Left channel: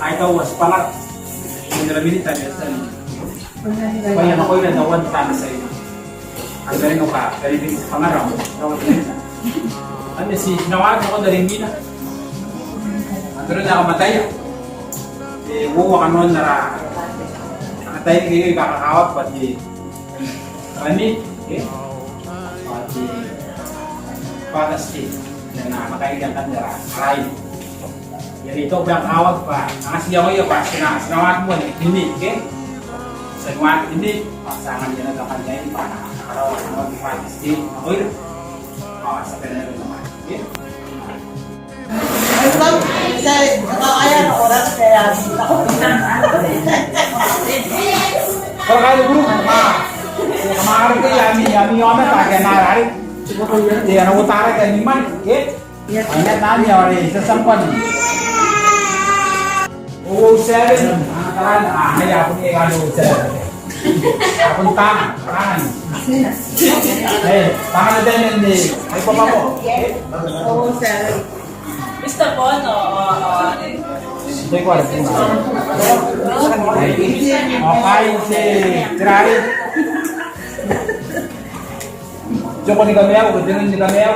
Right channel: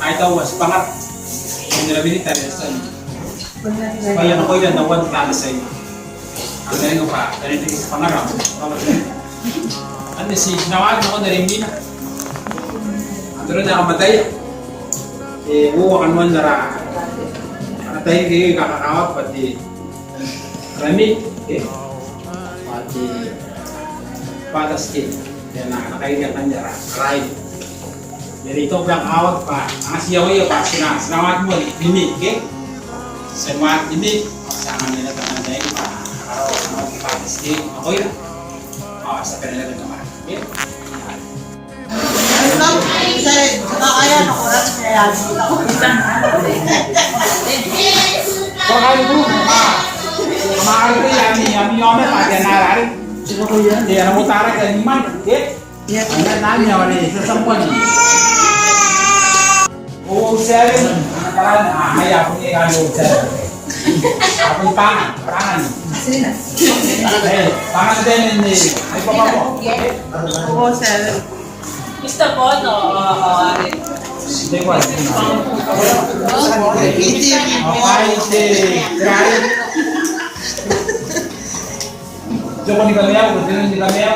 Ay tawas pangat. Yung nalabili tayo sa kaya ako ilan na one time sa iyo. Ang galing pa, galing din sa pangaraw. Ano si nawag ako na rin nina. Ano rin nakamatay. Uwa ka noon na ra. Nakatay kayo kakakawat pati rami. Pati patas cake. Yan na nakailan ka niya ra. Aray. Jadi itu bilang awak pak, ngasih ya pak, sinawat mo ini, ke? Sinawat ini pasangan nila kakanda ini pak, kalau sinawat pak istri, ako yun, sa kanila rin naman, ke? Ay lang, kasi nakakaya ng oras kaya ako bilang Kalau kayo guru, kemarin itu yami yome pak, dia narai, dia nunggu tarik dan iman, ke? Ada nanya wali sesempat. Oh, seven. Anak ay ako ni kado seven. Ako tangan. Sino? Tangan din ni. Ay pa ko. Oo, sir. Mr. Bono, Hindi ko alam. Hindi. Ay si Grari. Joko ni Gamel, Joko ni Gamel.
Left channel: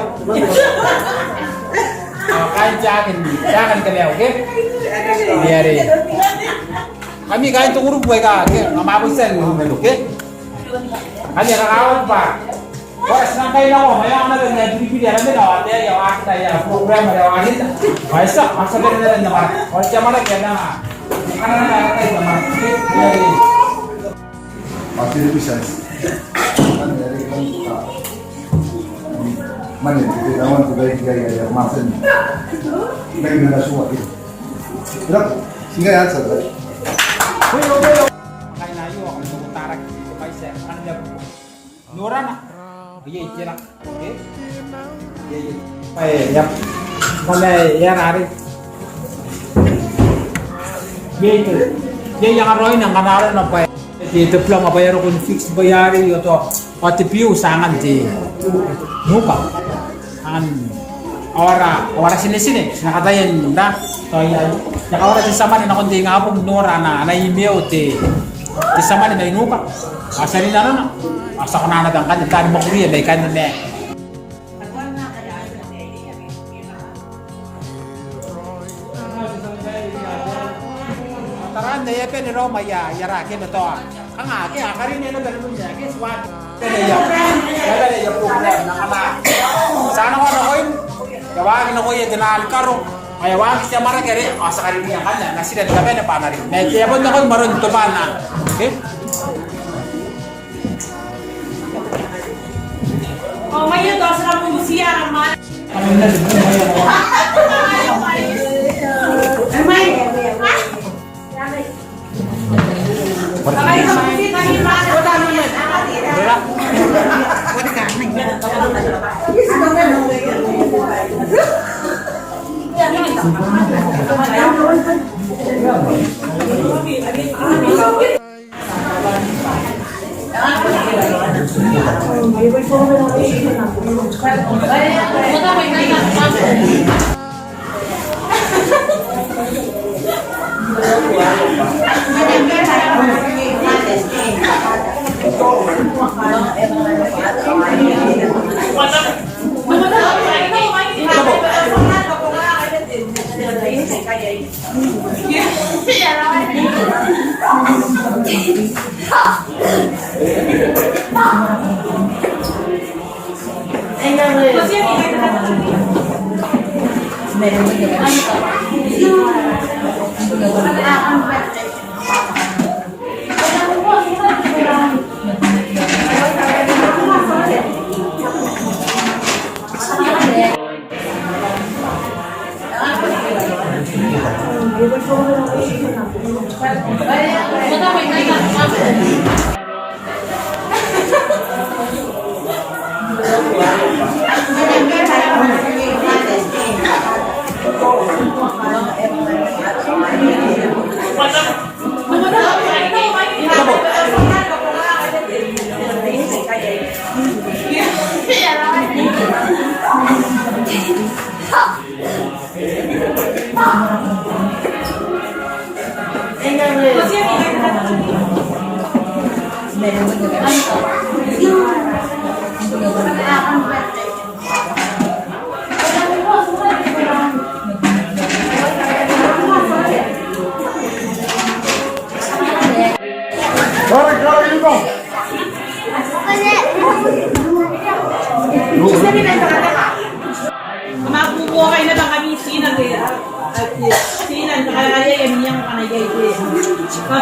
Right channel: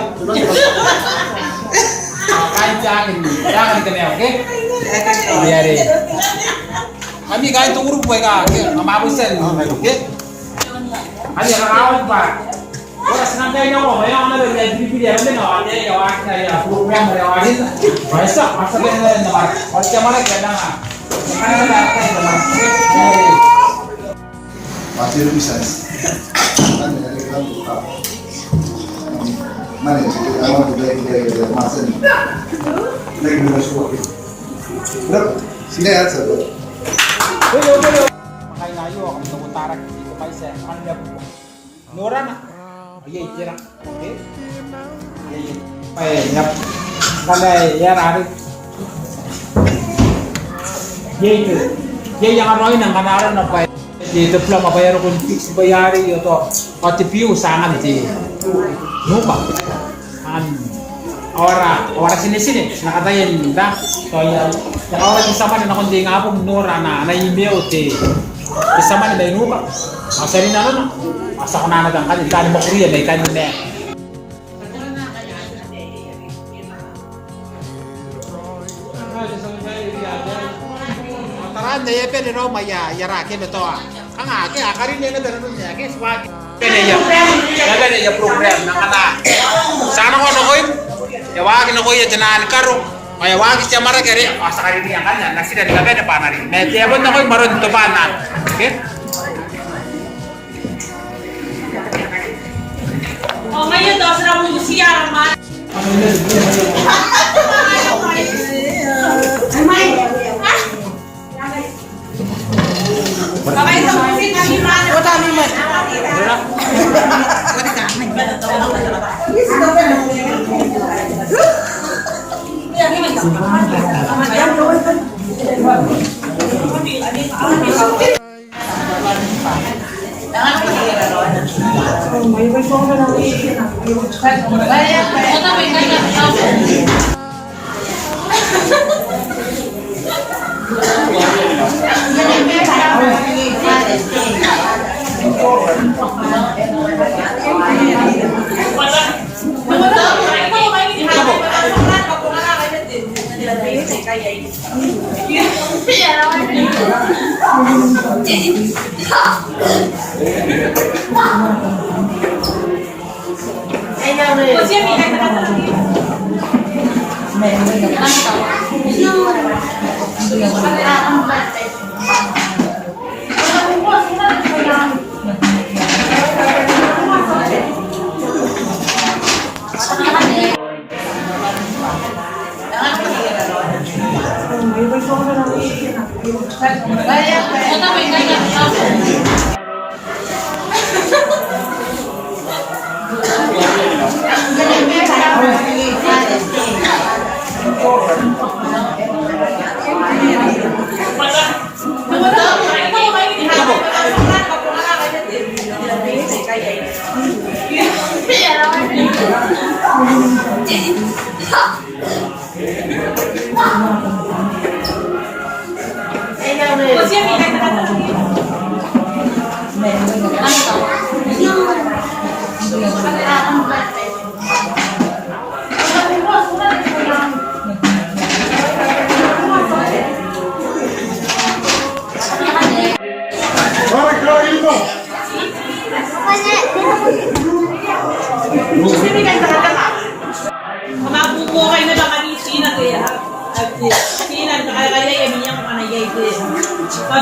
Kain jakin ni. Jakin Gamel, okay? Ayari. Kami kain tu urut buat kah? Mampu sen rumah tu, okay? Hanya kawan pak. Orang senang kain awak, bayar mana ada di pilih mana awak dia yang awak dia program dia awak itu. Biasa maksudnya dia awak. Macam mana kena ah? Mana ada kain mana? Materi bisnis. Mana kita tahu budaya masa ni. Negara suatu. Berapa? Sehingga ya satu. Makan layu akan mengutarak supaya saya anda Nuran. Iya iya. Oke. Ya. Karena ya hari. Iya itu. Dia yang roin yang kanaran apa? Di depan apa ya rukun fix bayari atau pati piu sangat di muka. Orang sini nakatayin na so yang orang sama na kundi nga po nora na email te sama na dai ngupa asari na ron asa kana na kan kan mo kriya dai kan ne taran de ye pe ro maya yara ke to ang ake akarin ne na ganun niya ke swag kene ya program na kana sana ko no ya wagi na ko ya janan karo ay wagi siya mara kare asa kali niya kanya nasi dan gabe na panari me tiapon na ko baron to pana okay oh ngayon daw sa mo siya naman. Ay, Okay, so kasi kami man o kami man. Pwede ka.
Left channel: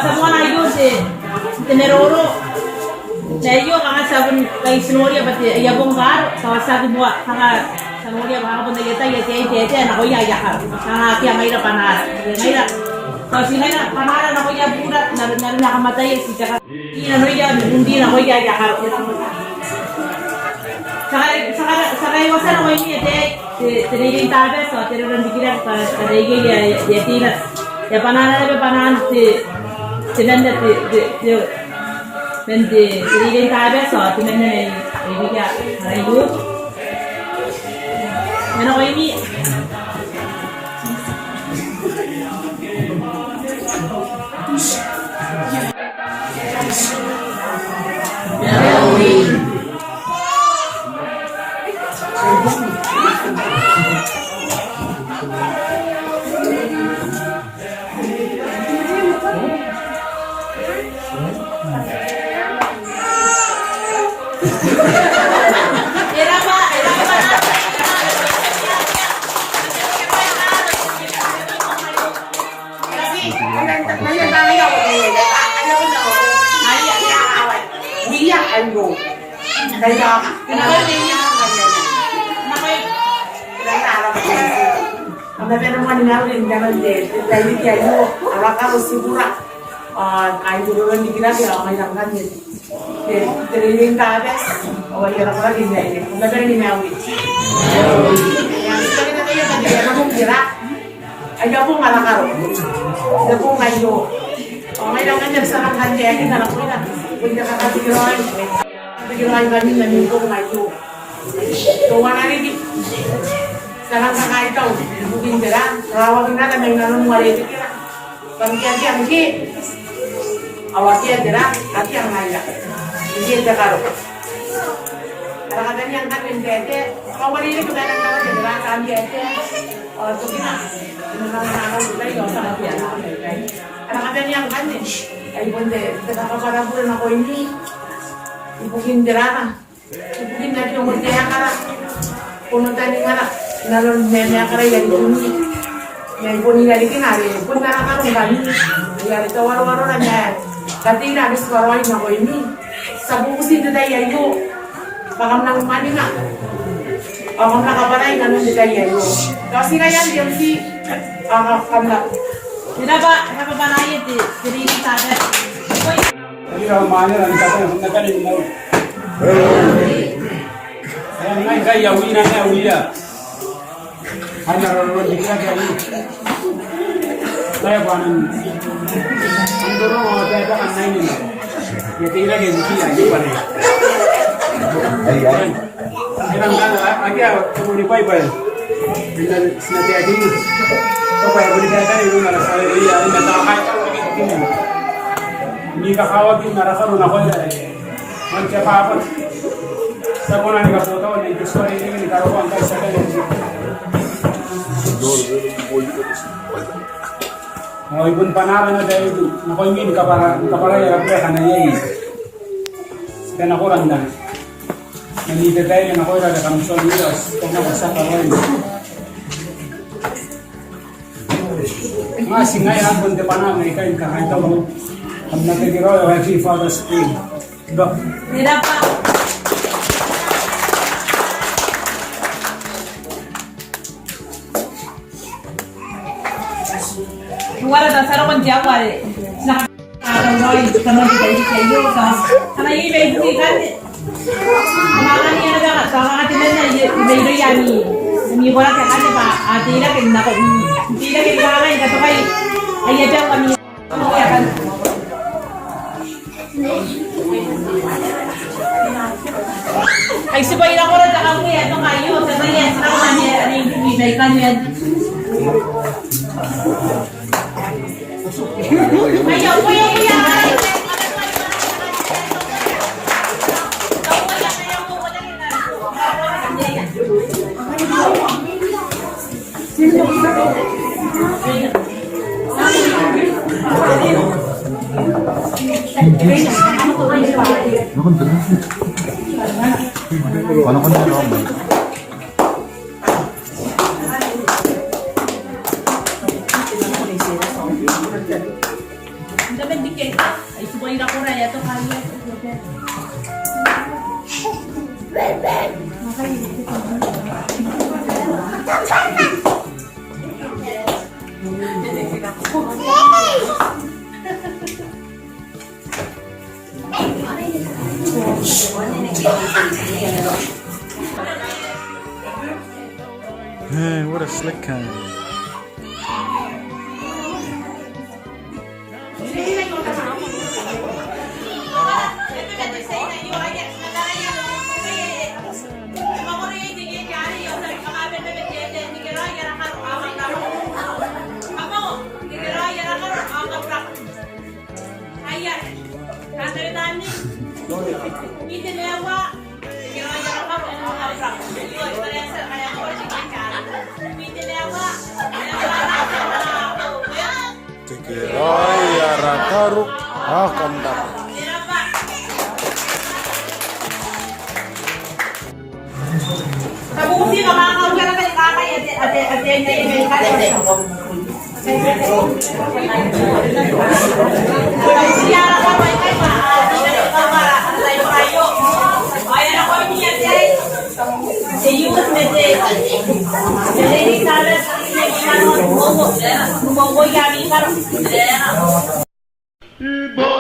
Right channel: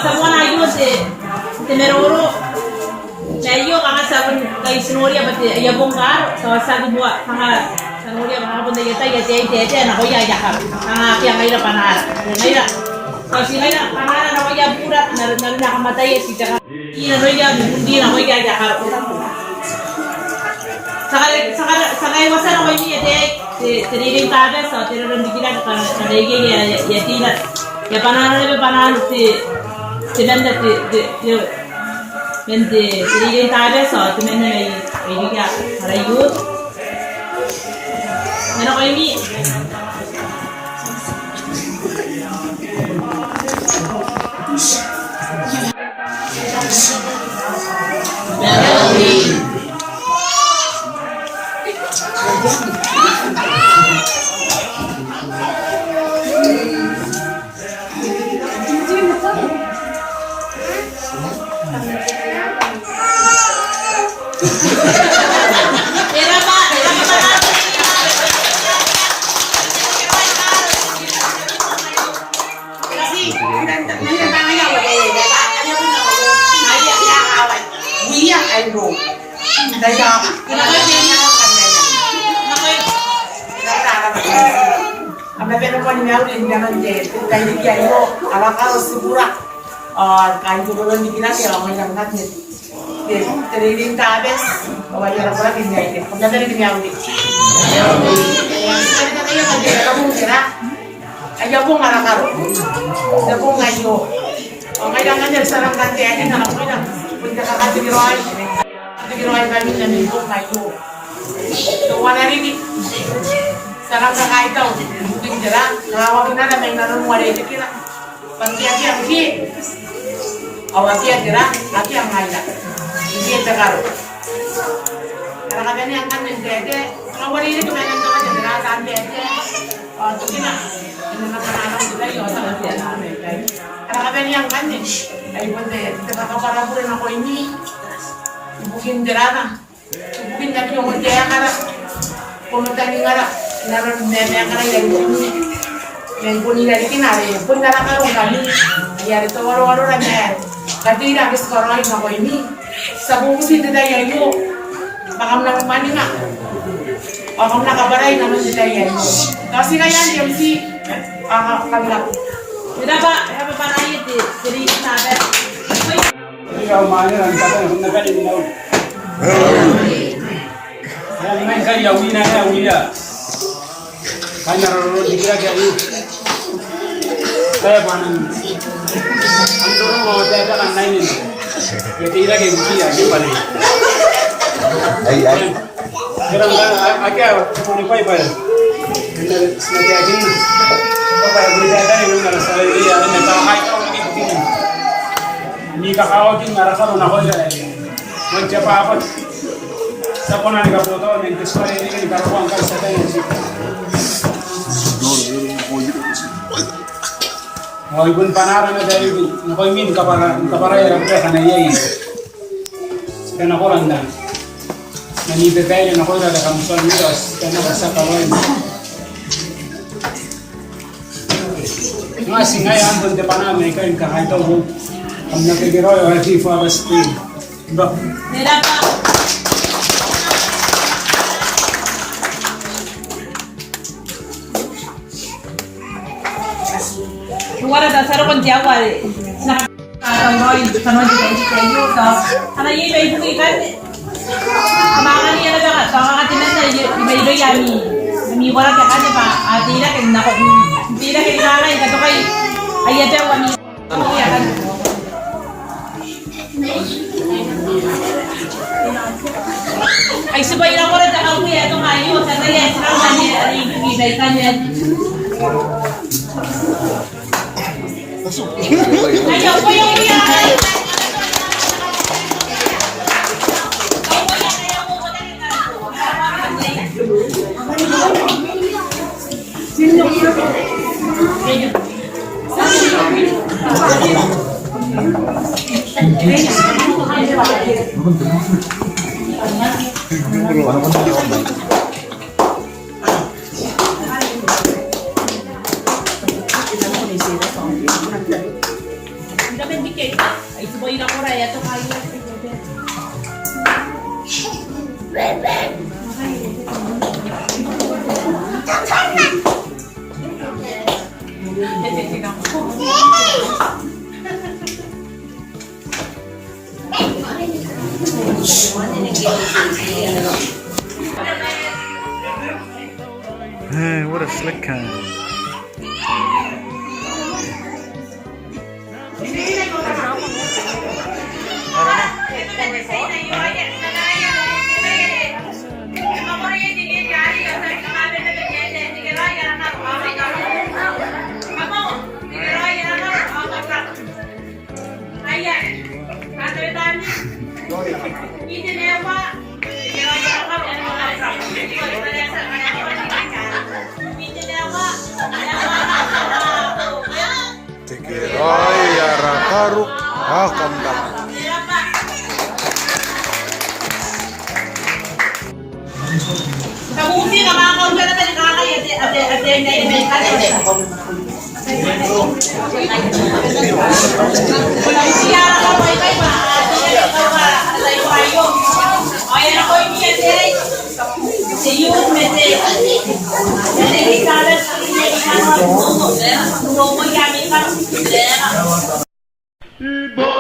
semua na yun te meroro layo kanga sabon kay sinoria pati yabong mar kawasago mo kanga sinoria makakapon na yata na ko ya ka kanga kaya mayra panara mayra kasi mayra panara na ko ya burat na nakamatay si kaka ina no ya hindi na ko ya ka sakay wasan ko ini Teringat tabe so terus dikira kada ya tira ya panan ti benda ti bende teringat tabe so ti benda ini ya rayu mana ko ini Đây đó, cái nó lên nha, kami pinapanood niya ulit ganon din. Dahil kaya mo, alaka sigura. Kahit dulo lang hindi na kaya okay lang kami. Tiriling tabes, o wala lang pala din niya. Kung natin niya ulit. Kaya na kayo pag kaya mong tira. Ayaw pong alakaro. Ayaw pong ngayo. O ngayon nga niya, sarang kanti. Ayaw na lang po lang. Kung nakakatigiroy. Tigiroy kami na nito ngayo. Tuwa na rin. Sarang kakait daw. Buting dira. Nakawagin na may nanong walete kira. Pangkiyati ang hindi. Awati ang dira. Ati ang ngayla. Hindi ang takaro. Para ka ganyan kan yung dede. Kawali na tumayan naman yung dira. Saan dede. O, tukin na. Ano naman nanong sila yun. Sa kapiyan na kami. Para ka ganyan kan eh. Ay, bunde. Kakaparaburin ako ini. Ibukin dira na. Ibukin na yung mundaya ka na. Pumunta ni nga na. Naroon na ka na yan bunyi. Yan bunyi dari kinari. Punta na ka kung kami. Yari to waro-waro na yan. Kati na abis koroy na ko ini. Sa bukusin na tayo yayo. Baka mo nang mani na. O kung nakabaray na nun tayo yayo. Kasi kaya yung si kanila. Hindi ba? Nakabaray ito. Siri yung sabi. Jadi kalau mana orang kata yang nak ada ni laut. Yang main kaya yawi na yawi ya. Hanya orang dikira kaya ni. Saya panen. Antara orang kata kan naik ni. Kita kira kaya buki aja pada. Ay. Orang kan aja semua pai pai. Kita sengaja aja ni. Apa yang boleh kata ni orang rasa dia ni tak ada lagi buki ni. Ni kakawagin narakaro na ko ila mancha pa apat sa kona nga po to ng gusto ni karawang kay sa tayo Hoy bun panara na dahil di nakoy min kapara ya pre kana yai kana ko lang dan nanite tayo na ko ila kan so ni as to na sa kawan masih ngai ambon de panama kay kahit to हम ना के गिरो है फीफा बस team bro मेरा पा wala dan saro kan jawa na kanoi kanoi di kayu ka ana yi me bui kan ana ni ana ka ka ti ne ye ye ya ni wala ka kan ba atila ke na ko tila ke wala ka to kai ay ya jawa ni ya kan ay sabay lang ko rin ako ya tumayo sa kaya sa kanya ay ibigay kanya ay daw pa yung iyan sino Hindi ba dikit? Ay, subayin ako rin. Ito kaya. Hey, what a slick can. Tikirai arakaruk hakamdak. Kamusi ka mga kausap na kakay at yan na yung siya ka may may maato na ikaw tayo. Ayan ako yung yan si Yus Mete. Jadi salah Momo yami karo. Imo,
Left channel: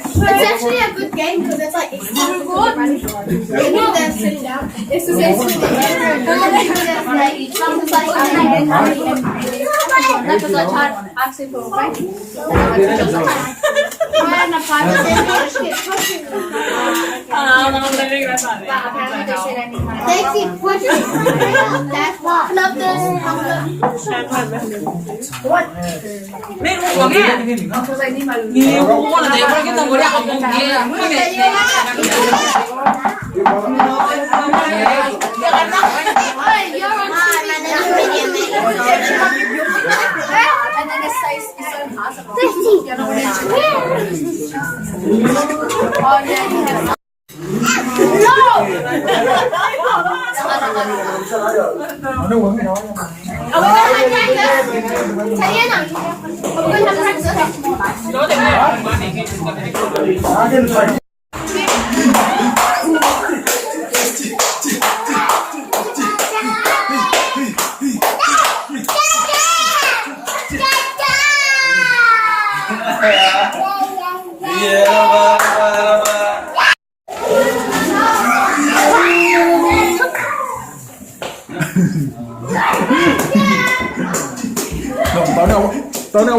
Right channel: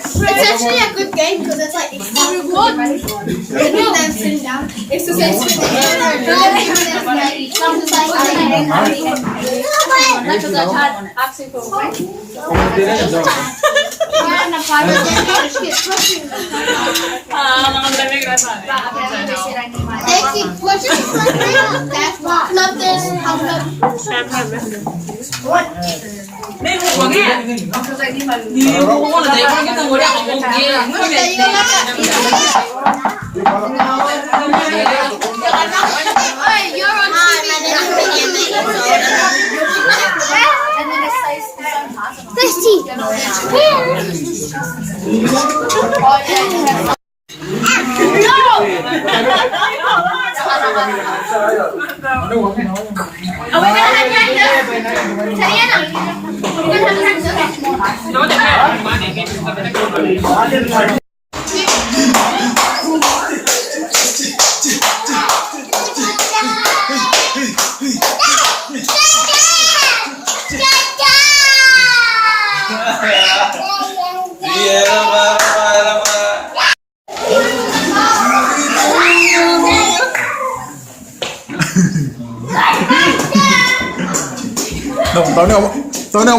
It's actually a good game because it's like reward. When they're sitting down, it's the same thing. Tao nào